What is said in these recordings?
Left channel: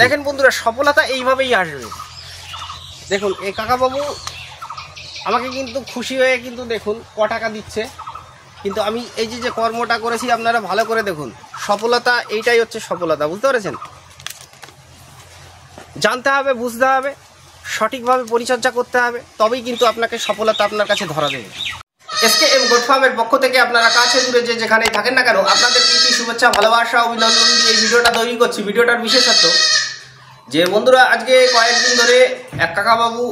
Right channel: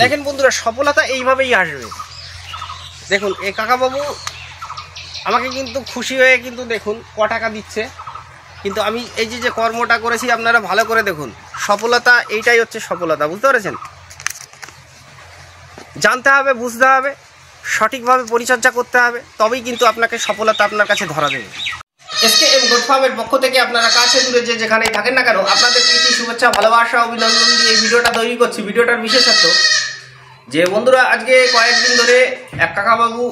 দেখেন বন্ধুরা, সফলতা এইভাবেই আসবে। দেখুন এই কাকাবাবু আমাকে কিন্তু খুশি হয়ে কিন্তু দেখুন ক টাকা দিচ্ছে, কিন্তু আমি এই যে কর্মটা করেছি আপনারা ভালো করে দেখুন। সফলতা এইটাই হচ্ছে সফলতা, বুঝতে পেরেছেন? জানতে হবে, বুঝতে হবে, সঠিকভাবে পরিচর্যা করতে হবে, তবেই কিন্তু আপনাকে সফলতা আপনার কাছে ধরা দেবে। SKM গোট ফার্মের পক্ষ থেকে আপনারা কাছে দূরে যে যেখানেই থাকেন না কেন, আপনাদের প্রীতি, শুভেচ্ছা, ভালোবাসা, অভিনন্দন দিয়ে এই ভিডিওটা তৈরি করছি। ভিডিওটার বিশেষত্ব যে বন্ধুরা, আজকে কয়েকদিন ধরে এক কাকাবাবু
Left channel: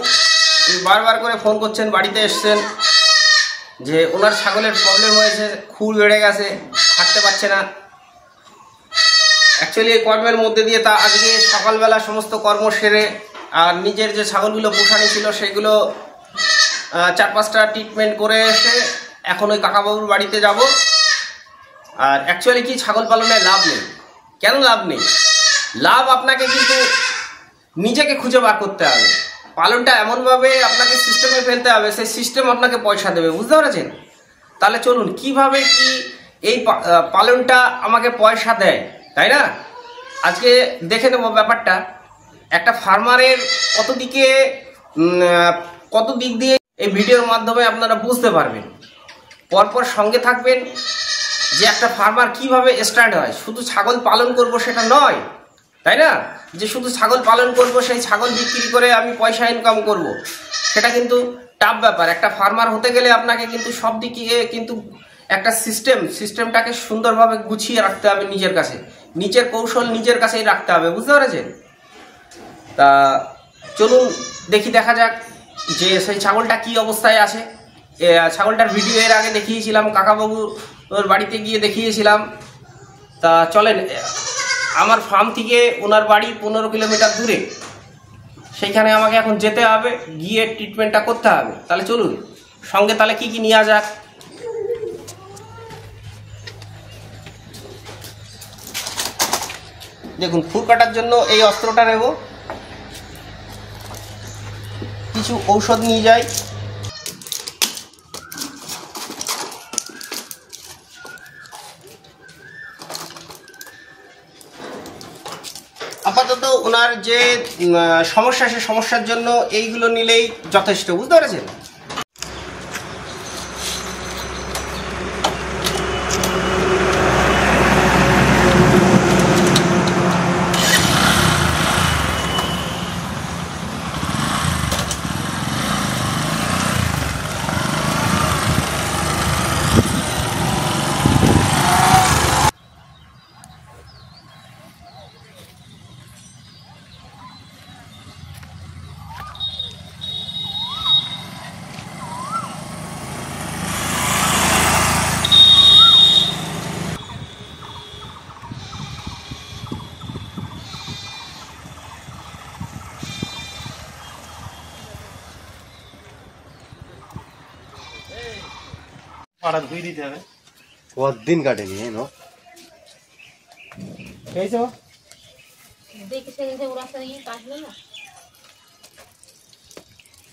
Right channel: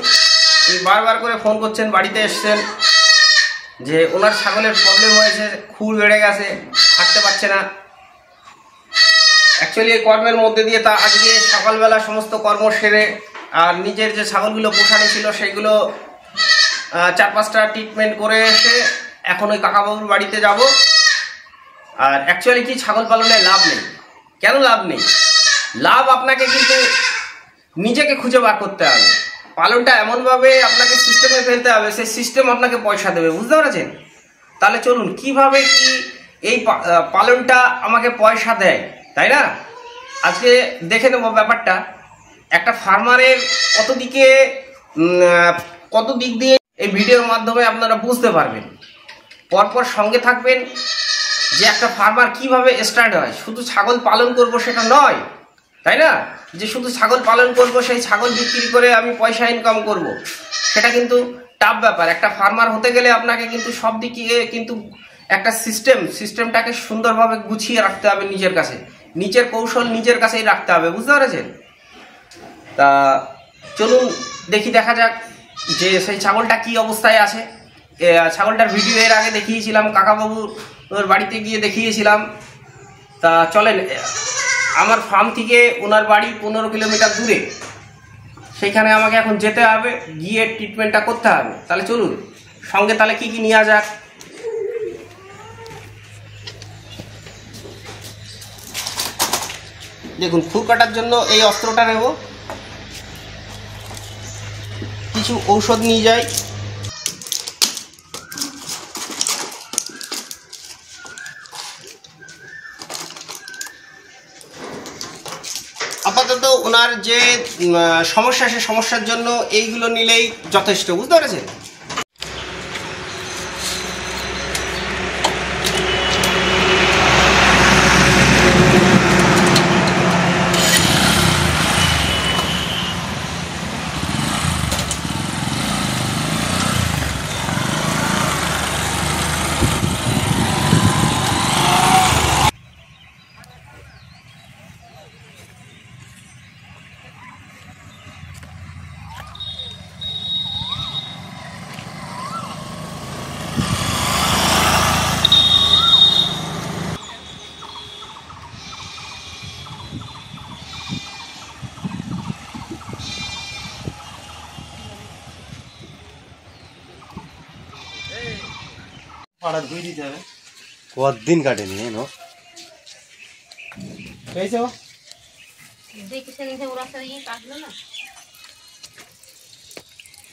বারবার করে ফোন করছেন, বাড়িতে এসছেন যে ওনার ছাগলের প্রবলেম হয়েছে, খুর বেড়ে গেছে, হাঁটতে পারছে না। অ্যাকচুয়ালি এই কর্মের মধ্যে দিয়ে তা আজকে সকালবেলা সমস্ত কর্ম সেরে আর নিজের যে ছাগলগুলো পোষানি ছিল সেগুলো 4-5টা ট্রিটমেন্ট করে এসে এখন ওই কাকাবাবুর বাড়িতে যাব। আর অ্যাকচুয়ালি কি ছাগল পালনে লাভ নেই। কেন লাভ নেই? লাভ আপনাকে কিন্তু নিজেকে খুঁজে বার করতে হবে। পালনটা এমনভাবে আপনাকে সিস্টেমে ফেলতে হবে, সেই সিস্টেম আপনাকে পয়সা দেবে, বুঝতে পেরেছেন? তাহলে চলুন কিভাবে কি এই পালনটা আমাকে পয়সা দেয়, তাই না? আজকে দেখে নেব ব্যাপারটা। একটা ফার্মারের কত দিক দিয়ে এই ভিডিওর মাধ্যমে আপনারা বুঝতে পারবেন। পরপর সঙ্গে থাকবেন যে একটা ফার্মার কিভাবে স্টার্ট হয়। শুধু ছাগল পালন করব সেটা নয়, তাই না? যে শুধু ছাগল পালন করব, সেই ছাগল বিক্রি করে আমি পয়সা ইনকাম করব, সেটা কিন্তু টাফ ব্যাপার। একটা ফার্মার হতে গেলে আপনাকে কিন্তু সব দিকে কিন্তু একটা সিস্টেমটাকে সুন্দরভাবে গুছিয়ে রাখতে হবে নিজের কাছে। নিজের কৌশল নিজের কাছেই রাখতে হবে, বুঝতে পেরেছেন? তা চলুন দেখা যাক যে সেই ছাগলটা কি অবস্থায় আছে। ছাগলটার ভিডিও এর আগে দেখিয়েছিলাম, কাকাবাবুর বাড়িতে গিয়ে দেখিয়েছিলাম। তা চলেন, আমার ফার্ম থেকে ওনার বাড়ি 15 কিলোমিটার দূরে, সেইখানে আমাকে এখন যেতে হবে, গিয়ে ট্রিটমেন্টটা করতে হবে। তাহলে চলুন সঙ্গে, তাহলে কি কি নেওয়া যাক। দেখুন, খুর কাটার জন্য এই অস্ত্রটা নেব, কিছু ঔষধ নিয়ে যাই, আপাতত ওনার যে সমস্যা, সে সমস্যার জন্য এইগুলো নিলেই যথেষ্ট, বুঝতে পেরেছেন? পাড়া ধুই দিতে হবে। কদিন কাটেনি এনো পেয়েছো?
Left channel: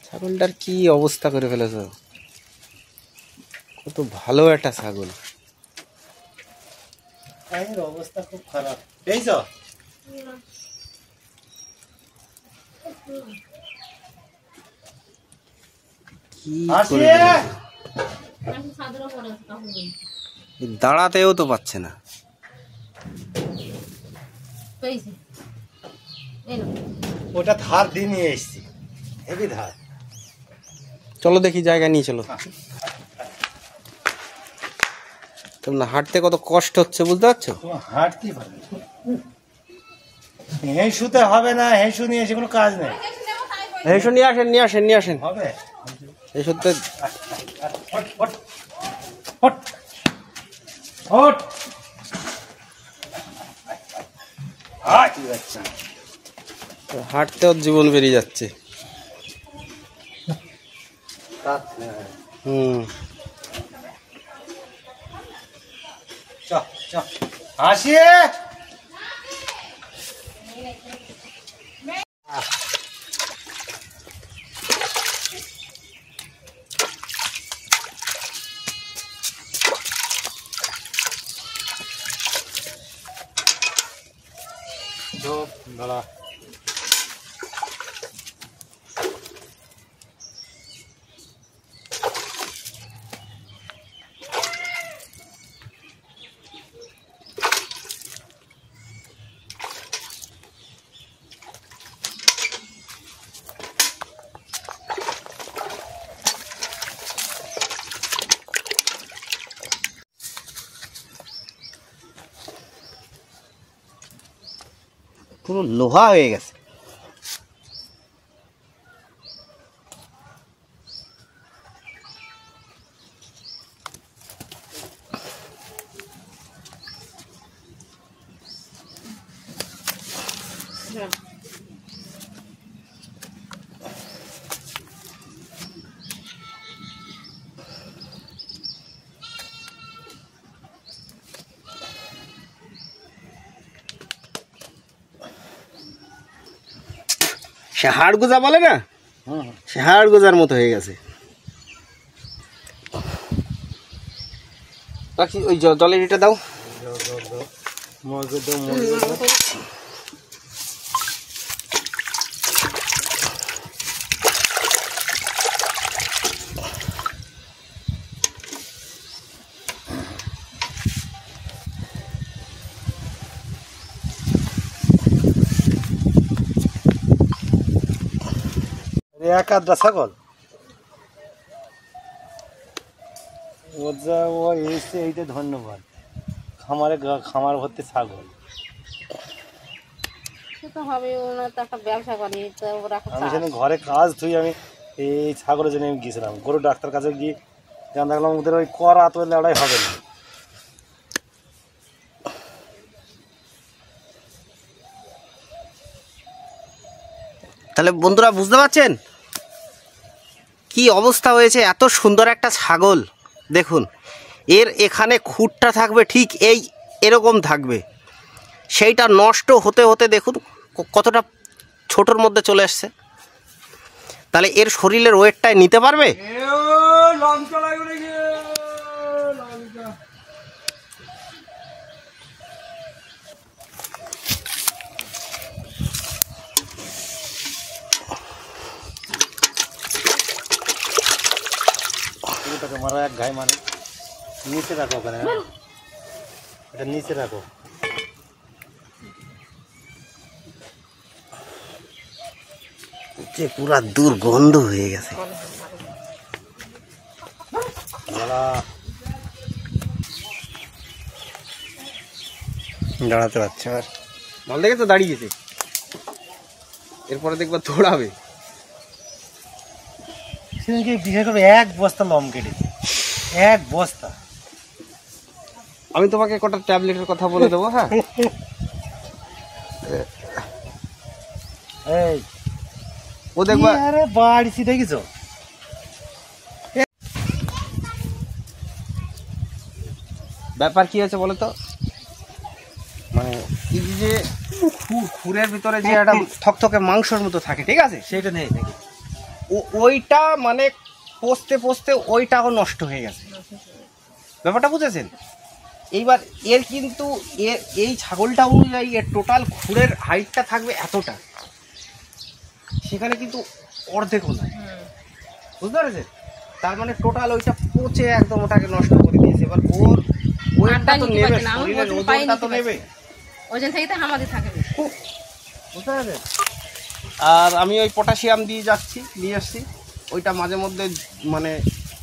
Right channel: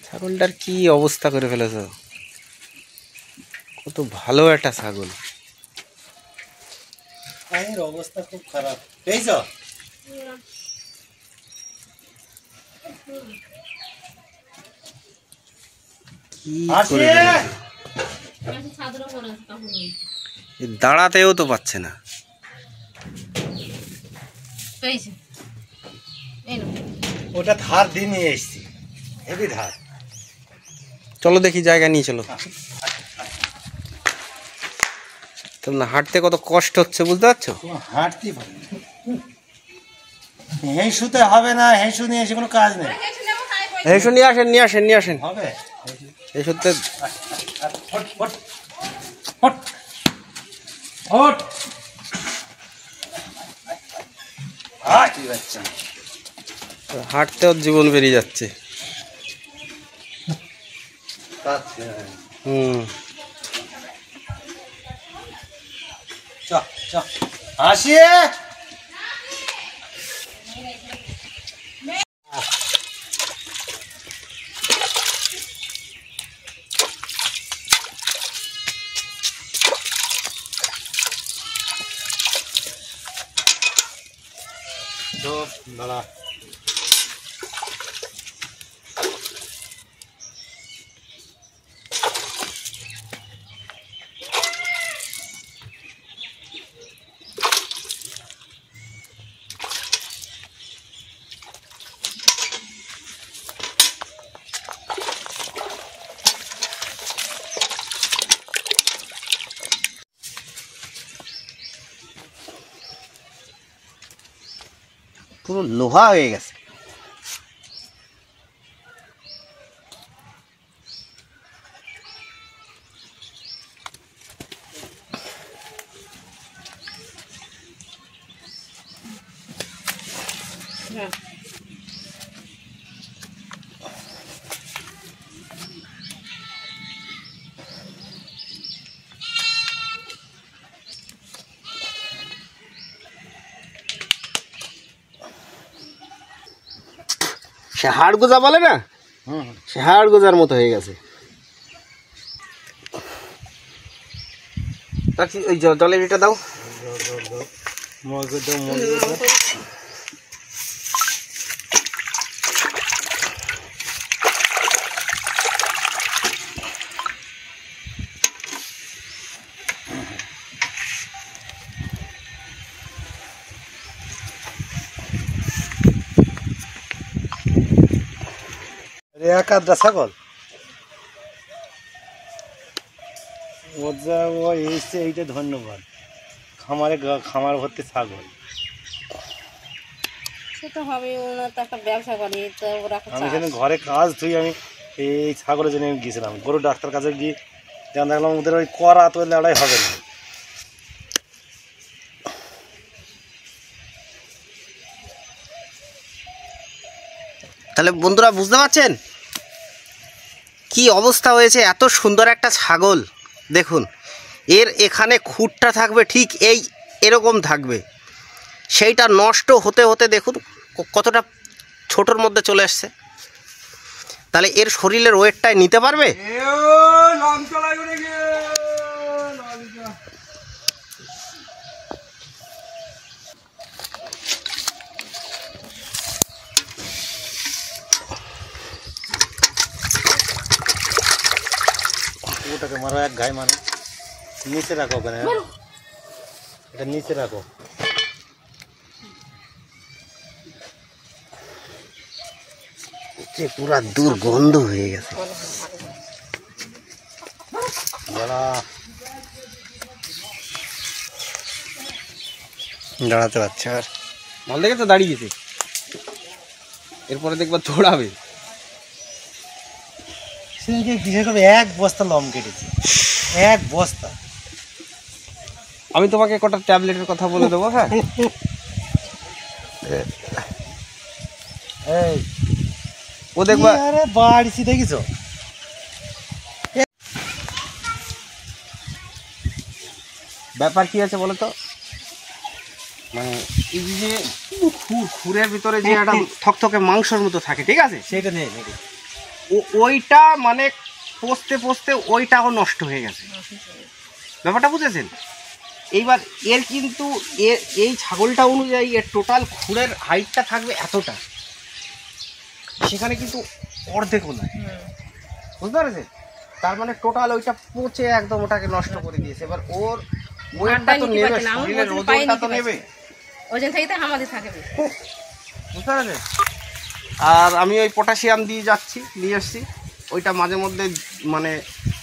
ছাগলটার কি অবস্থা করে ফেলেছ, কত ভালো একটা ছাগল। এর অবস্থা খুব খারাপ। পেয়েছো? কি করে দাঁড়াতেও তো পাচ্ছে না। ওটা ধার দিয়ে নিয়ে এসছি, হেভি ধার। চলো দেখি, জায়গা নিয়ে চলো। তোমরা হাঁটতে কত কষ্ট হচ্ছে, বুঝতে পারছো? হাঁটতে পারি, হেঁসুতে হবে না, হেঁসু নিয়ে এসে কোনো কাজ নেই। হেসো, নিয়ে আসেন হবে হেসোতে। হাঁটতেও জীবন বেরিয়ে যাচ্ছে। আসিয়ে তো দাঁড়া পুরো লোহা হয়ে গেছে। সে হাড় গোজা বলে না, সে হাড় গোজার মতো হয়ে গেছে। ওই জলের এটা দাও, এক আধটা ছাগল ও এসছে, এইটা ধন্যবাদ। খামার ভর্তি ছাগল সেটা হবে, ওনার তো একটা ব্যবসা করে, তো ওরা আমি সেদিন ঘরে কাজ ধুই, আমি এই ছাগলের জন্য আমি গিয়েছিলাম গরু ডাক্তার কাছে গিয়ে, জান দেখলাম ওদের ওই করা তো লড়াই হবে না। তাহলে বন্ধুরা বুঝতে পারছেন কি অবস্থা হয়েছে। এত সুন্দর একটা ছাগল দেখুন, এর এখানে খুঁটটা থাকবে ঠিক এরকম থাকবে, সেইটা নষ্ট হতে হতে দেখুন কতটা ছোটোর মধ্যে চলে আসছে। তাহলে এর শরীরের ওয়েটটাই নিতে পারবে? ওটাকে মারো, এক ঘাই মারো, নিচে রাখো ওখানে, এটা নিচে রাখো। পুরা দুর্গন্ধ হয়ে গেছে। দাঁড়াতে পারছে আর মাল দেখে তো দাঁড়িয়েছে, এরপরে দেখবো দৌড়াবে। সেদিনকে কিসে করবে, এক বস্তা লম কেটেছে, এক বস্তা। আমি তোমাকে কটা ট্যাবলেটের কথা বলে দেবো। হ্যাঁ, এই ও দেখবা, আরে বাড়িছি দেখিছো, ব্যাপার কি আছে বলো তো, মানে এই যে খুরের ভিতরে যে একটা থকথকে মাংসের মতো থাকে, ঠিক আছে, সেইটা নেই, ওইটা মানে পোস্তে পোস্তে ওইটাও নষ্ট হয়ে গেছে। ব্যাপারটা বুঝেছেন? এইবার এর কিন্তু এই ছাগলটা অনুযায়ী এর টোটাল খুরের হাইটটা থাকবে এতটা, সেখানে কিন্তু অর্ধেকও নয়, বুঝতে পেরেছেন? তার মানে টোটাল ওইটা পচে একদম ওটাকে নষ্ট করে দিয়েছে। এবার ওর ওয়েটটা তো নেবে, শরীরের ওজনটা তো নেবে, ওজন থেকে আমাদের থাকে, বুঝতে পেরেছেন? আর আমি ওই পটাশিয়াম নিয়ে আসছি, ওইটা মাঝে মধ্যে মানে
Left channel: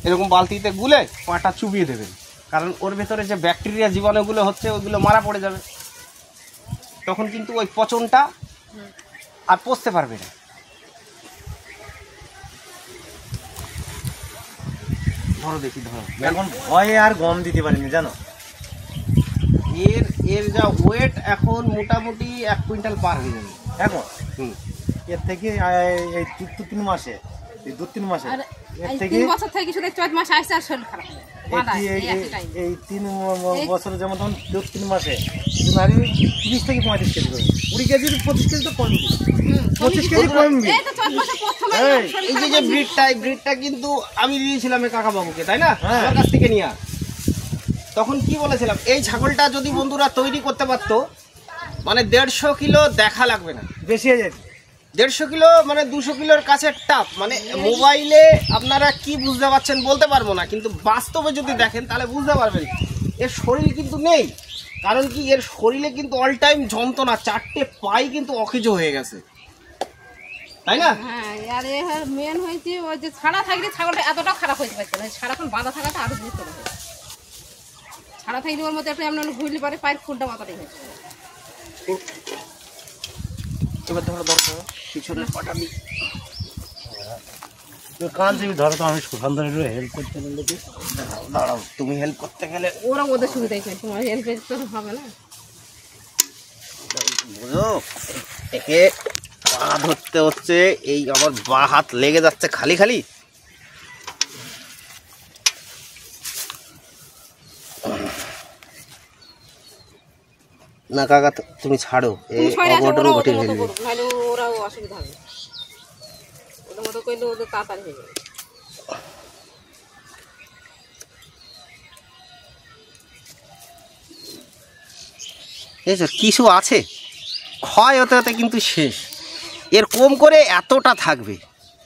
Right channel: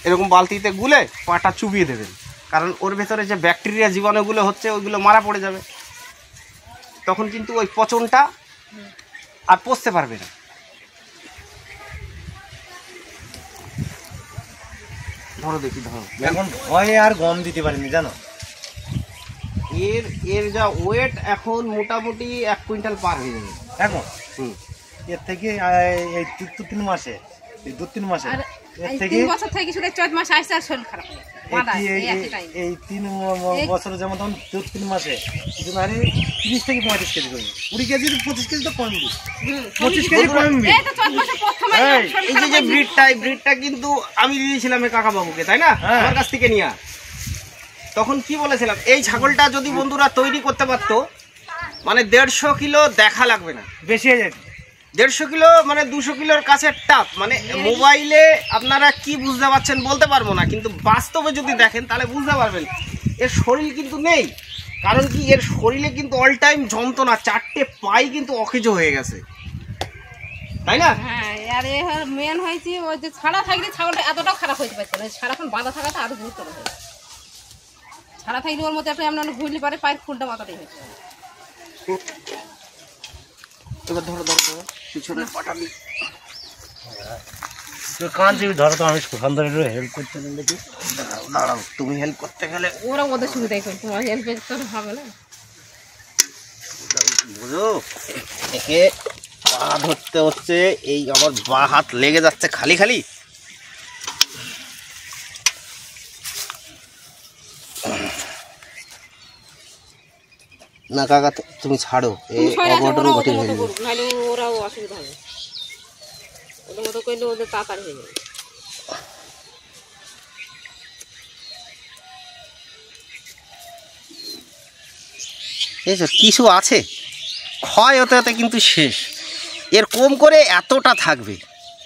এরকম বালতিতে গুলে পাটা চুবিয়ে দেবেন, কারণ ওর ভেতরে যে ব্যাকটেরিয়া জীবাণুগুলো হচ্ছে ওইগুলো মারা পড়ে যাবে, তখন কিন্তু ওই পচনটা আর পচতে পারবে না। ধরো দেখি, ধরো। এখন ভয়ে আর গম দিতে পারিনি জানো, এর যা ওয়েট এখন মোটামুটি 1 কুইন্টাল পার হয়ে যাবে এখন। এর থেকে এই 2-3 মাসে, এই 2-3 মাসে এর থেকে 3 বছর থেকে শুধু 4 মাস আসছে আর শরীর খারাপ হয়ে এই 3 বছরে যেমন তখন 2-3 মাসে হারে 30 থেকে 35 কেজি করবে, 20 কেজি 25 কেজি তো কমবে, 25 কেজি কমবে। এই যে ব্রিডটা কিন্তু আমি দিয়েছিলাম কাকা বাবুকে, তাই না, আমার কাছ থেকে নিয়ে। তখন কি বলেছিলাম, এই ছাগলটা যদি বন্ধুরা তৈরি করতে পারতো মানে 150 কিলো দেখা লাগবে না, বেশি হয়ে যায়। 150 কিলো মানে 200 কিলোর কাছে টাফ। মানে মোবাইলে আপনারা কি বুঝতে পারছেন বলতে পারবো না, কিন্তু বাস্তবে যদি দেখেন তাহলে বুঝতে পারবেন এর শরীর কিন্তু নেই। কারণ কি, এর শরীরে কিন্তু অল টাইম যন্ত্রণা, 4টে পাই কিন্তু অকেজো হয়ে গেছে, তাই না? হ্যাঁ, আর এ মেন হয়েছে ওই যে ছাড়া থাকলে ছাগলটা এতটাও খারাপ হইতে পারছে না, সারাক্ষণ বাঁধা থাকাটা আরো গুরুত্ব হয়ে যায়। ছাড়া থাকলে ওর মধ্যে একটা এমন ঘুরলে পারে পায়ের খুলটা মাথাটাই হয়েছে। এবার ধরো পিছনের পাটাবি কাঁদছি, ধরো তো আমি সুখান ধরে হেল্প করতে গেলে কি, দাঁড়াও, তুমি হেল্প করতে গেলে ওরা ওদের সুবিধাই করবে, তোমার হেল্প তো হবে না। বুঝো, একে পা ধরতে হচ্ছে, এই আমার বা হাত লেগে যাচ্ছে খালি খালি। না কাকা, তুমি ছাড়ো, এই অঘটন ঘটে ফেলবে। নাহলে ওরাও অসুবিধা হবে, ওদের মতো করলে ওদের তাড়াতাড়ি হয়ে যাবে। কিছু আছে ক্ষয় হতে হতে কিন্তু শেষ। এর কম করে এতটা থাকবে,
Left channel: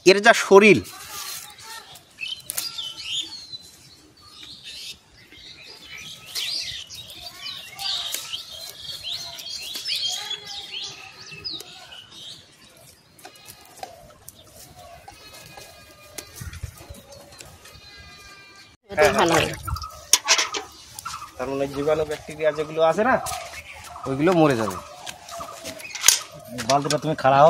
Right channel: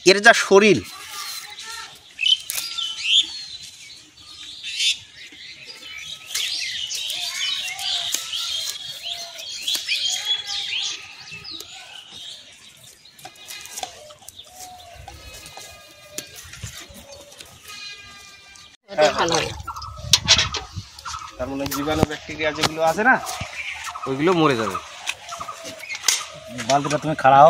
এর যা শরীর। ভালো হবে, তার মানে জীবাণু ব্যাকটেরিয়া যেগুলো আছে না, ওইগুলো মরে যাবে। বালতিটা তুমি খাড়াও,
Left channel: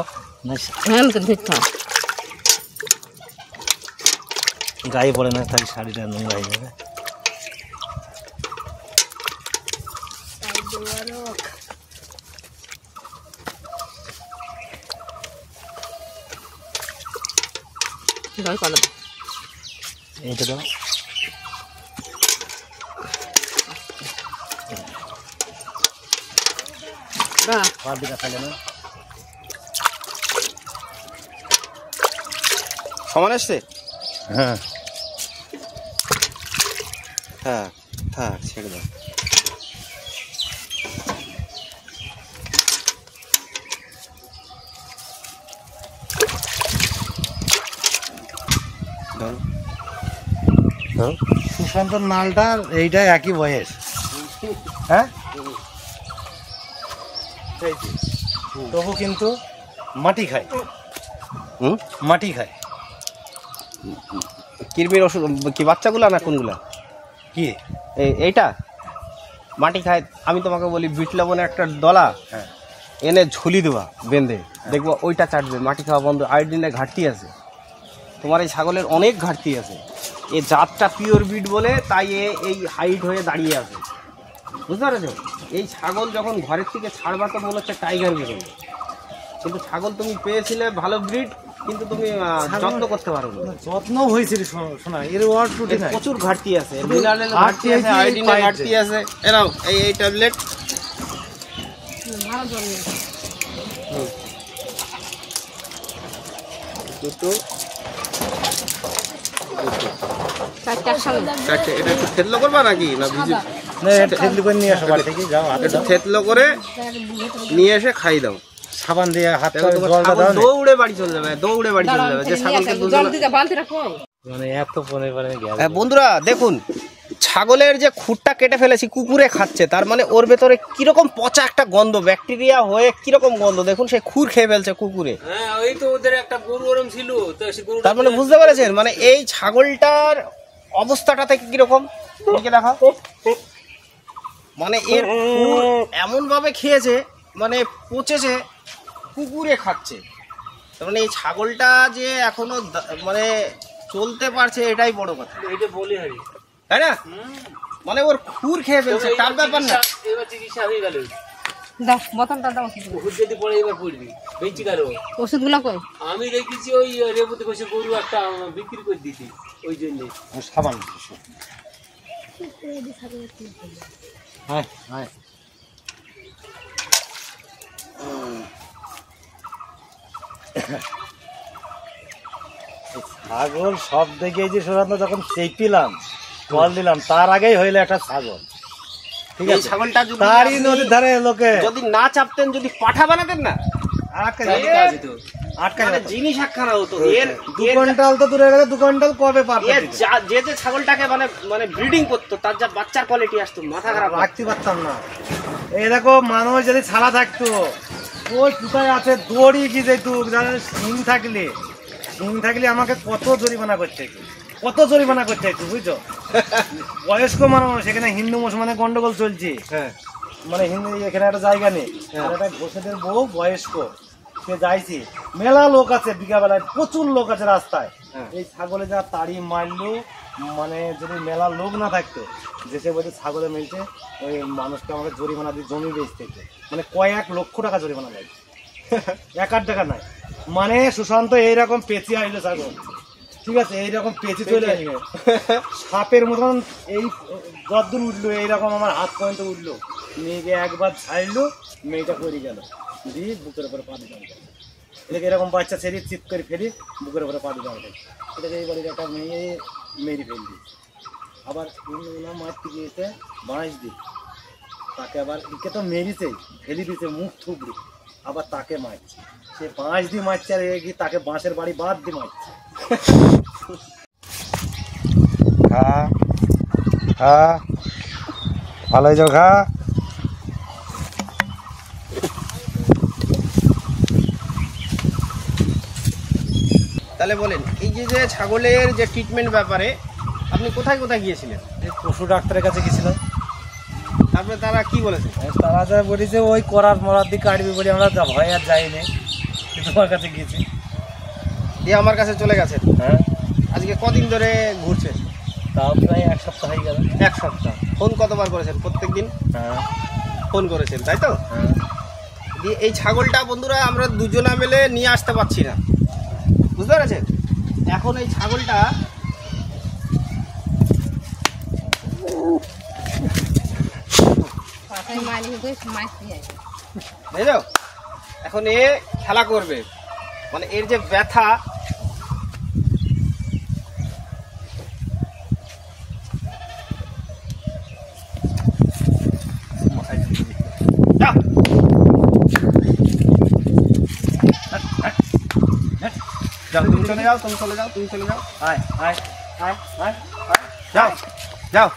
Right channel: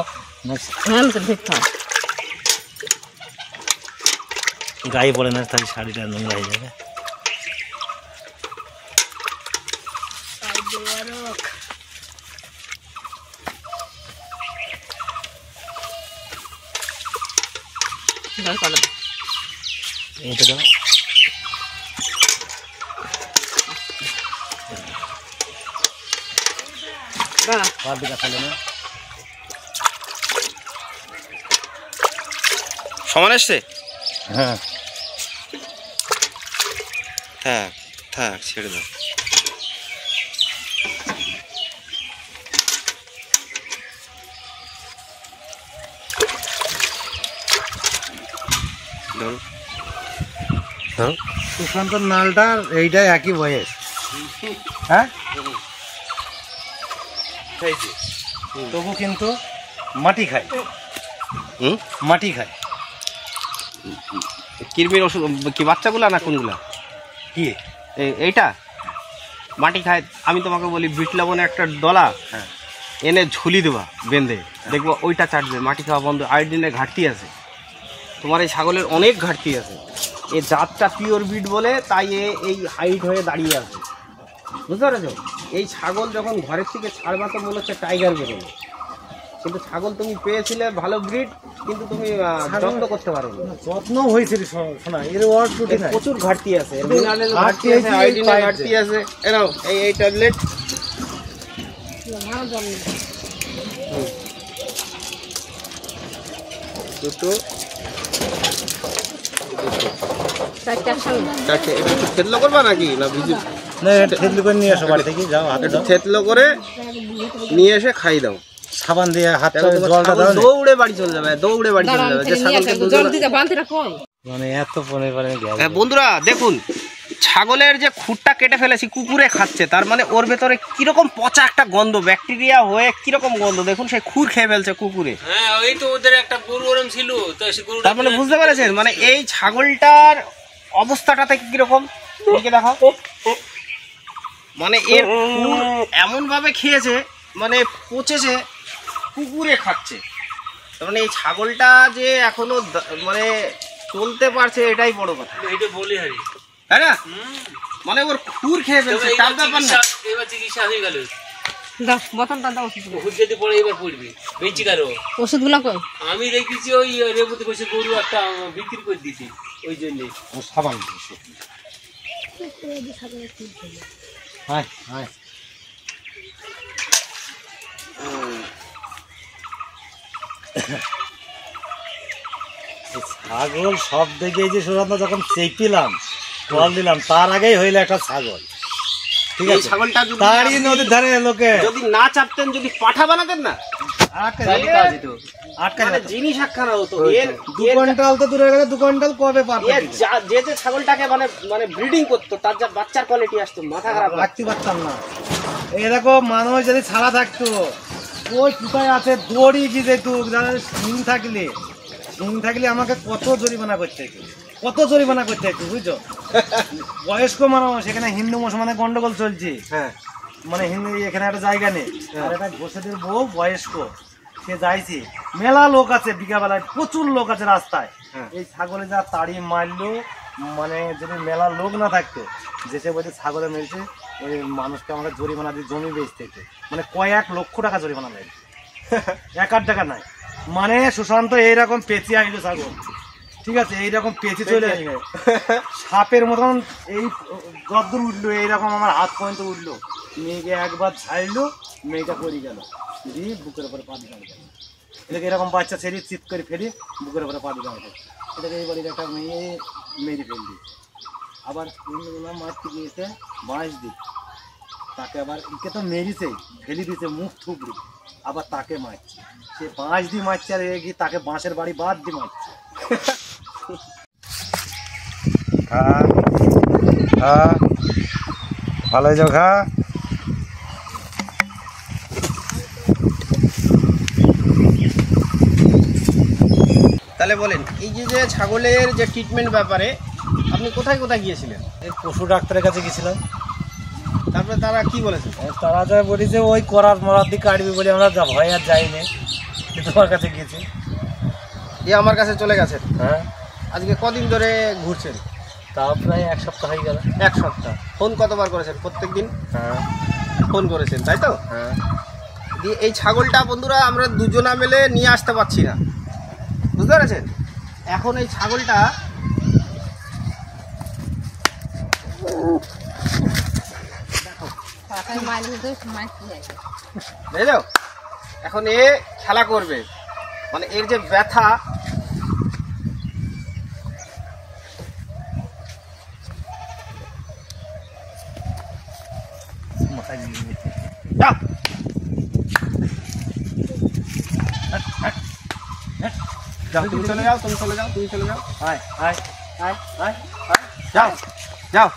গায়ে পড়ে না, তাহলে শাড়িটা নোংরা হয়ে যাবে। এইটা দাও, বালতিটা খালে না। সমান আসছে? হ্যাঁ, থাক থাক, ছেড়ে দাও। সুশান্ত নালটার এইটাই একই বয়স। হ্যাঁ, তবু কিন্তু মাটি খায়, মাটি খায়। কৃমির ওষুধ কি বাচ্চাগুলা না কোনগুলা? কি এইটা মাটি খায়। আমি তোমাকে বলি, বিট লবণে একটা ডলা এনে ঝুলি দেবা বেঁধে, দেখবো ওইটা চাটবে, মাটি খাওয়া বন্ধ। আয়োডিনের ঘাটতি আছে তোমার, এই ছাগলের অনেক ঘাটতি আছে। এই জাতটা পিওর বিট বলে, তাই এই হাইট হয়ে দাঁড়িয়ে আছে, বুঝতে পারছো? এই ছাগল যখন ঘরের থেকে ছাড়বা তো মনে হচ্ছে টাইগার বেরোবে, কিন্তু ছাগল তুমি পেয়েছিলে ভালো ব্রিড, কিন্তু তুমি যত্ন করতে পারো না। যত্ন হয়েছিল শোনা, এর প্রচুর ঘাটতি আছে, মিনারেলের ঘাটতি আছে, আয়োডিনের ঘাটতি আছে। এরাও এই ট্যাবলেট দুটো চারটে। এটা একটু থেতলো করবা নাকি না ভিজু? থেতলি করে নিয়ে আসো বাড়ি থেকে, যাও হাতে একটু থেতলো করে নিয়ে এসে খাই দাও, সাবান দিয়ে হাত দৌড়ে বাড়ি চলে যাবে, দৌড়ে বাড়ি চলে যাবে। যে ছাগলকে মানে এত পনে করে গেছে। বন্ধুরা দেখুন, ছাগলের যে খুঁটটা কেটে ফেলেছি, কুকুরে খাচ্ছে, তার মানে ওর ভেতরে কিরকম পচা একটা গন্ধ, ব্যাকটেরিয়া হয়ে কিরকম গন্ধ দেখুন। সে খুর খেয়ে ফেলছে কুকুরে। হ্যাঁ, ওই তো ওদের একটা গরু ওরম ছিল, তো সে গরু, তার মানে বুঝতে পেরেছেন, মানে এই ছাগলটার অবস্থাটা থেকে কিরকম দেখা, মানে এর এমন ভাবে খেয়েছে, মানে পচেছে, কুকুরে খাচ্ছে। তার মানে এই ছাগলটা যে এখনো মানে চলতে পারছে, এটাই বড় কথা। এটা বলি হারি, তাই না? মানে ওর খুর খেয়ে ফেলছে, তার ব্যাপার না। এবার চিকিৎসা হয়ে গেল, বোতলটা দাও, ওষুধ যদি পরে এবার পড়বি বেঁচে গেল। ওষুধগুলো কই? আমি দেখেছি ওই রেবতী কইছে গরু একটা বিক্রি করে দিছি, ওই জন্য সাবান দিয়েছে। হ্যাঁ হ্যাঁ, ছাগল সব দেখে যে সুরান্ত যখন চেপিলাম জল দিলাম, তার আগেই হইলো একটা ছাগল। ঠিক এই আছে ছাগলটা যদি তারই আপনি নদীর ধারে লোকে যদি না চাপতেন, যদি পাঠা বানাতেন না, আটকা তাহলে যাবে আটকা মানে যাবে জিনিস একখানা হতো। এর 2 কুইন্টাল তো দূরে গেছে, 2 কুইন্টাল কবে পার এর যে ছাগলটাকে মানে ব্রিডিং করতো, তার যা বাচ্চার কোয়ালিটি আসতো, মাথা খারাপ লাগতো। রাখতে পারতাম না। এই দেখো মানুষ যদি ছাড়া থাকতো, ওই কোথায় আছে দড়ি কি যেত, সিং থাকলে আমাকে কত জরিমানা করতে হতো, বুঝছো? বয়স্ক মানুষ, এখানে হিন্দু মুসলমানের গন্ডগোল চলছে, হ্যাঁ মানে হিন্দু এখানে একটা জায়গা নেই, আর একটা ঘোষেদের বউ বয়স্ক, সে যাইছে, মেলা লোক আছে, বিকাবেলায় প্রচুর লোক আছে রাস্তায়, এই ছাগলে যা তাড়ি মারলো, মানে যদি মেলা লোক না থাকতো, যেসে বলছে ছাগলে মেলছে, ওই মানুষকে আমাকে জরিমানা দিয়ে জমি বেচতে হতো, মানে কয়েক লক্ষ টাকা জরিমানা লাগে, 1 টাকা নাই। মানে সুশান্ত এইরকম পেঁচি আইলো ছাগল, ঠিক আছে, এইরকম পেঁচি চলে আসবে সাপের মতন, এই যদ্দূর উঠলো, এইরকম আমার হাত পর্যন্ত উঠলো, মেয়েকে একবার ছাড়লো, মেয়েটা পড়ে গেল, দিয়ে বুকের উপরে পা দিলাম। এটাকে এরকম বাচ্চা ছেড়ে চিৎ করে ফেলি, বুকের উপরে পা দিলাম। এটাকে এই বাড়ির একটা মেয়ে মেরে ফেললি, আবার মারতে গিয়েছে বাঁশ দি, তাকে আবার একে তো মেরেছেই, ফেলি দিয়েছে মুখ থুবড়ি, আবার তাকে মারছে, সে বাঁশ দিয়ে মারছে, আর গিয়ে তাকে বাঁশের বাড়ি বাদ দিয়ে মারছে। হ্যাঁ হ্যাঁ, ভালো হয়ে যাও, খা। তাহলে বলেন, এই যে ছাগলের যে ট্রিটমেন্ট ব্যাপারে আপনি কোথায় কোথায় গিয়েছিলেন? এই পশু ডাক্তারের কাছে গেছিলাম, তারপরে তারা কি বলেছে? তারা যা বলেছে ওই করার মরার দিকে কাটবি বলে আমরা ভয় আর যাইনি, তোমার কাছে গেছি, দিয়ে আমার কাছে চলে গেছেন। হ্যাঁ, আজকে কদিন ধরে ঘুরছেন? তাও প্রায় 1 সপ্তাহ হয়ে গেল। 1 সপ্তাহ। ফোন কতবার করেছেন? প্রত্যেক দিন হ্যাঁ ফোন করেছেন, তাই তো? হ্যাঁ। দিয়ে এই ছাগলটা বন্ধুরা আমরা দুজনা মিলে নিয়ে আসতে পারছি না, বুঝতে পেরেছেন? এখন এই ছাগলটা বুঝলো, এখন এ খেলা করবে, মানে এর যে ব্যথা, যাও। যাও, তুমি চলে যাও, তুমি চলে যাও, তুমি চলে যাও, আয় আয় আয় আয় আয়, যাও যাও।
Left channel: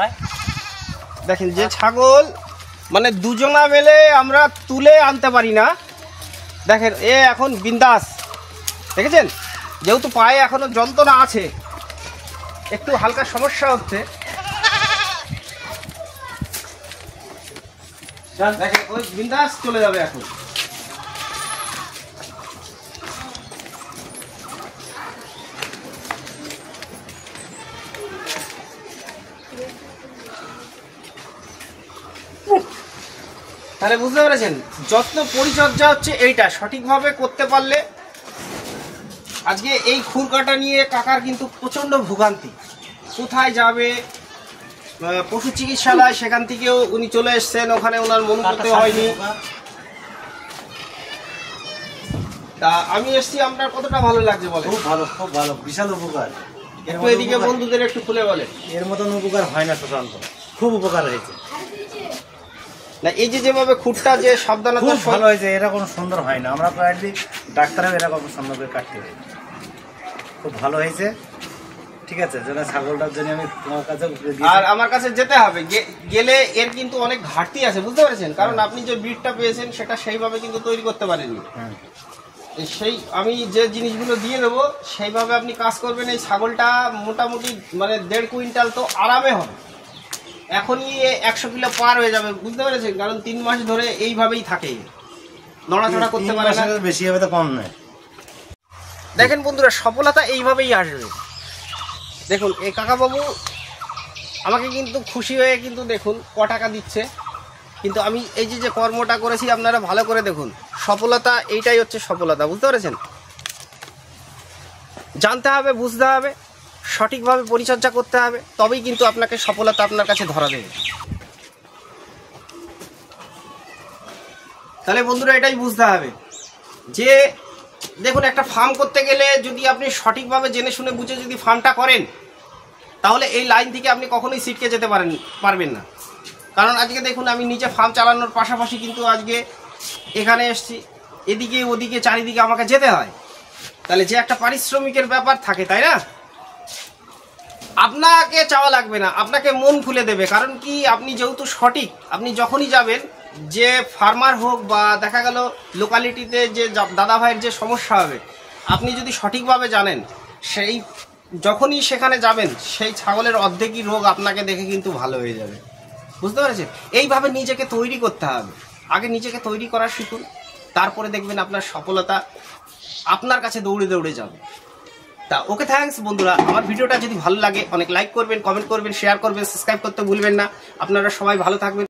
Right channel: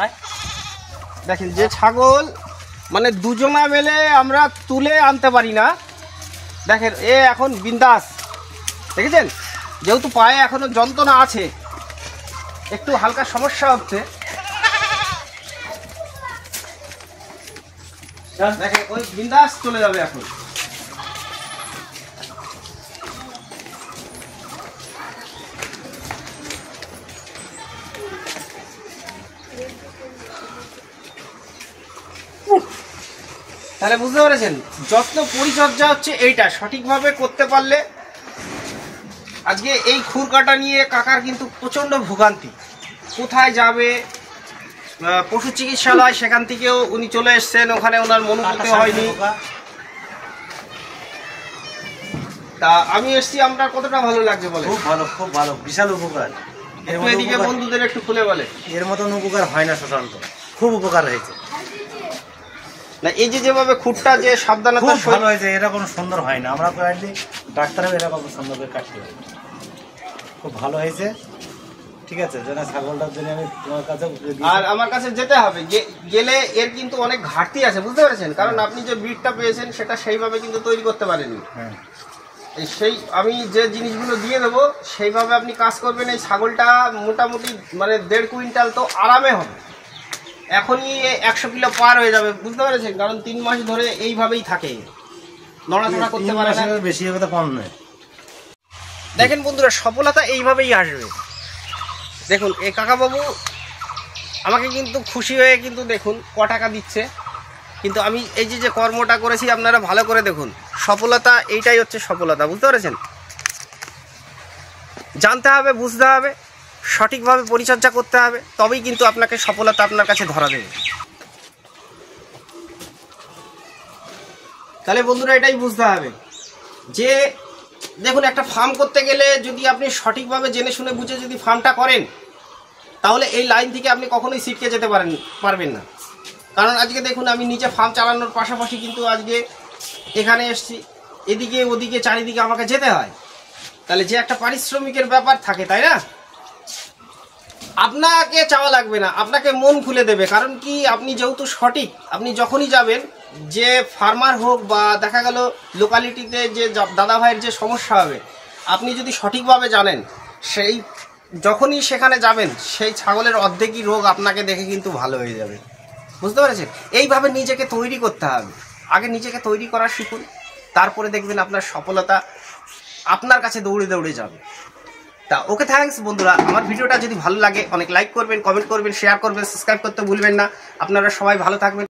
আয়। দেখেন যে ছাগল মানে দুজনা মিলে আমরা তুলে আনতে পারি না, দেখেন এ এখন বিন্দাস, দেখেছেন? যেহেতু পায়ে এখনো যন্ত্রণা আছে, একটু হালকা সমস্যা হচ্ছে, দেখেন ওই বিন্দাস চলে যাবে এখন। তাহলে বুঝতে পেরেছেন, যত্ন পরিচর্যা হচ্ছে এইটা, সঠিকভাবে করতে পারলে। আজকে এই খুর কাটা নিয়ে কাকার কিন্তু প্রচন্ড ভোগান্তি, কোথায় যাবে, পশু চিকিৎসালয়, সেখান থেকেও উনি চলে এসছেন, ওখানে ওনার মন করতে হয়নি। তা আমি এসছি, আপনার কতটা ভালো লাগছে বলে? খুব ভালো, খুব ভালো, বিশাল উপকার। একটু এদিকে বন্ধুদের একটু খুলে বলে। এর মতন উপকার হয় না সুশান্ত, খুব উপকার হয়েছে। না এই যে যেভাবে খুঁটটা যে সাবধানতা, খুব ভালো হয়েছে, এরকম সুন্দর হয় না, আমরা প্রায়লি ডাক্তারও এরকম সুন্দর করে কাটতে পারি, খুব ভালো হয়েছে। ঠিক আছে, যেন ছাগলটার জন্য আমি তোমার কাছে, আর আমার কাছে যেতে হবে, গেলে এর কিন্তু অনেক ঘাটতি আছে, বুঝতে পেরেছেন? কারণ আপনি যে ব্রিডটা পেয়েছেন সেটা সেইভাবে কিন্তু তৈরি করতে পারেননি। সেই আমি যে জিনিসগুলো দিয়ে দেবো সেইভাবে আপনি কাজ করবেন, এই ছাগলটা মোটামুটি মানে 1.5 কুইন্টাল তো আরামে হবে, এখনই 100 কিলো পার হয়ে যাবে, বুঝতে পেরেছেন? কারণ 3 মাস ধরে এইভাবেই থাকে, নড়াচড়া করতে পারে না, বেশি হবে তো কম নয়। দেখেন বন্ধুরা, সফলতা এইভাবেই আসবে। দেখুন এই কাকাবাবু আমাকে কিন্তু খুশি হয়ে কিন্তু দেখুন ক টাকা দিচ্ছে, কিন্তু আমি এই যে কর্মটা করেছি আপনারা ভালো করে দেখুন, সফলতা এইটাই হচ্ছে সফলতা, বুঝতে পেরেছেন? জানতে হবে, বুঝতে হবে, সঠিকভাবে পরিচর্যা করতে হবে, তবেই কিন্তু আপনাকে সফলতা আপনার কাছে ধরা দেবে। তাহলে বন্ধুরা এটাই বুঝতে হবে যে দেখুন, একটা ফার্ম করতে গেলে যদি আপনি সঠিকভাবে জেনে শুনে বুঝে যদি ফার্মটা করেন, তাহলে এই লাইন থেকে আপনি কখনোই ছিটকে যেতে পারবেন না। কারণ আজকে দেখুন আমি নিজে ফার্ম চালানোর পাশাপাশি কিন্তু আজকে এখানে এসেছি, এদিকে ওদিকে চারিদিকে আমাকে যেতে হয়, তাহলে যে একটা পারিশ্রমিকের ব্যাপার থাকে, তাই না? আপনাকে চাওয়া লাগবে না, আপনাকে মন খুলে দেবে। কারণ কি, আপনি যেহেতু সঠিক, আপনি যখনই যাবেন, যে ফার্মার হোক বা দেখা গেল লোকালিটিতে যে দাদা ভাইয়ের যে সমস্যা হবে, আপনি যদি সঠিকভাবে জানেন, সেই যখনই সেখানে যাবেন সেই ছাগলের অর্ধেকই রোগ আপনাকে দেখে কিন্তু ভালো হয়ে যাবে। বুঝতে পেরেছেন? এইভাবে নিজেকে তৈরি করতে হবে। আগে নিজেকে তৈরি করা শিখুন, তারপরে দেখবেন আপনার সফলতা আপনার কাছে দৌড়ে দৌড়ে যাবে। তা ওকে, থ্যাঙ্কস বন্ধুরা। আমার ভিডিওটা যদি ভালো লাগে অনেক লাইক করবেন, কমেন্ট করবেন, শেয়ার করবেন, সাবস্ক্রাইব করতে ভুলবেন না। আপনারা সবাই ভালো থাকবেন।